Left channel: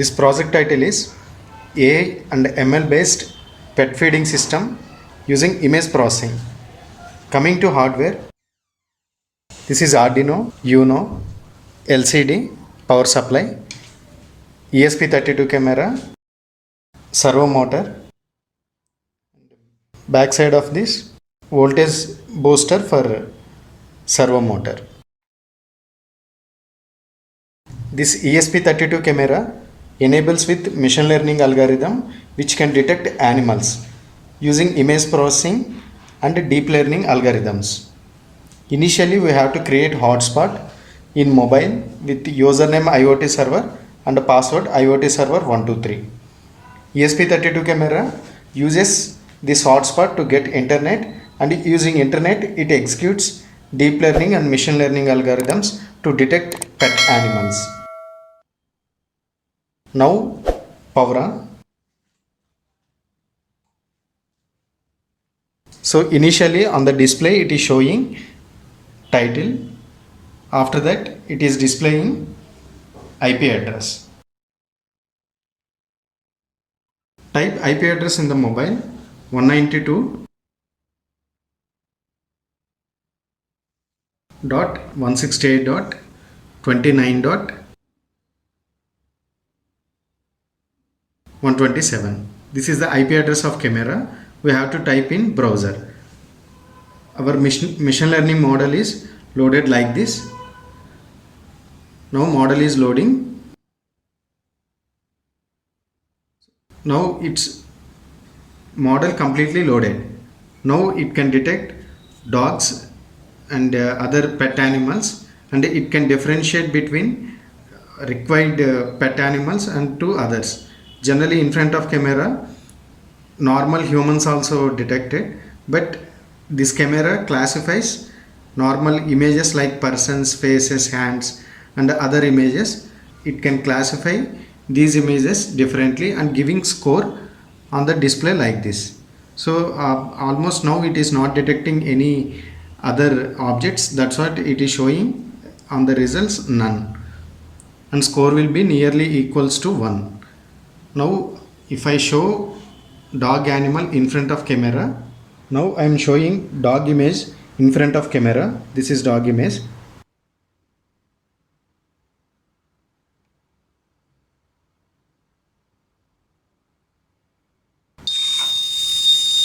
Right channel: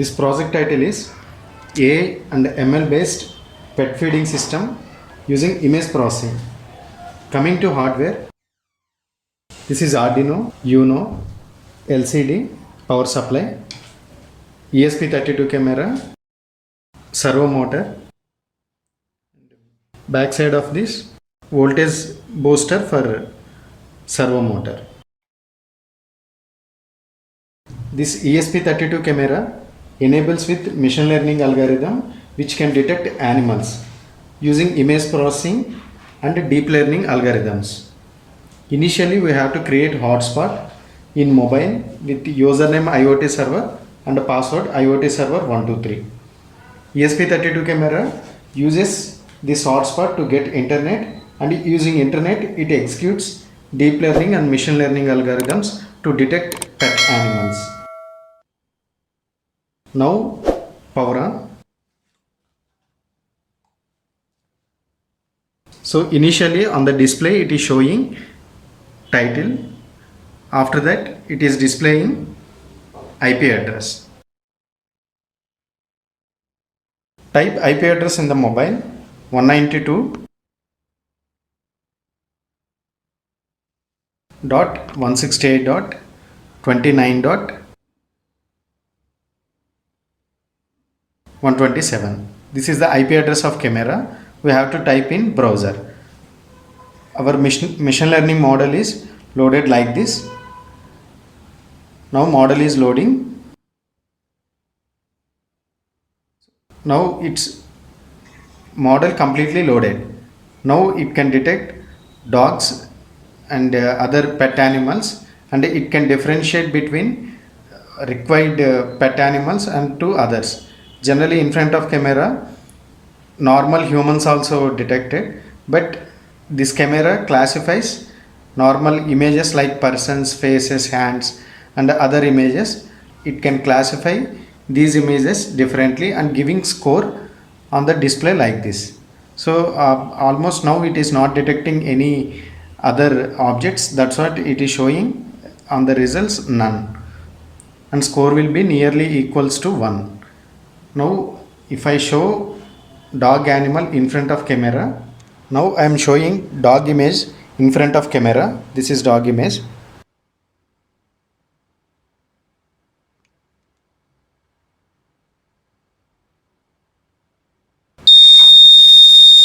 This project title is AI and ML based pet feeding system using image processing. Coming to hardware, this is Arduino Uno LCD power supply, ESP32 camera, servo motor, back side of this voltage booster for servo motor. This ESP32 camera enables with machine learning algorithm which can detect animals using image processing and deep learning algorithms. Initially we have to create hotspot in mobile with username IoT server and password IoT server 123. ESP32 camera uses this hotspot to get internet, and using internet it executes deep learning and machine learning algorithms to detect pet animals. Now power on. So initially on the display it is showing title, after that it is displaying IP address. Type IP address in the mobile 192.168.29.127. This is the IP address of camera. We have to type in browser. Our machine learning model is loaded like this. Now model is loading. Now its model completely loaded. Now it can detect dogs and other pet animals, and it can differentiate between required pet animals and to others. Generally in front of camera normal humans also detected, but this camera classifies normal images like persons, faces, hands and other images. It can classify these images differently and giving score on the display like this. So almost now it is not detecting any other objects. That's what it is showing on the results, none, and score will be nearly equals to 1. Now if I show dog animal in front of camera, now I am showing dog image in front of camera. This is dog image.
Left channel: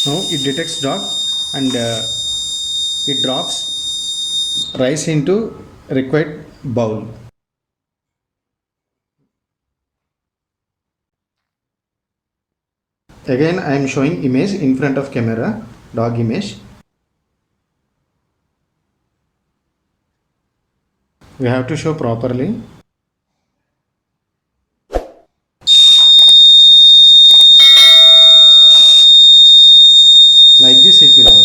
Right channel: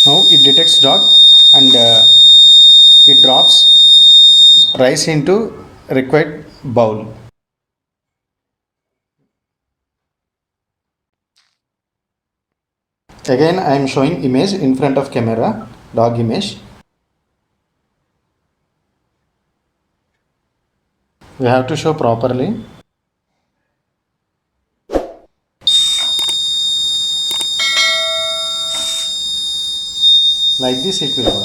Now it detects dog and it drops rice into required bowl. Again I am showing image in front of camera, dog image. We have to show properly. Like this it will work.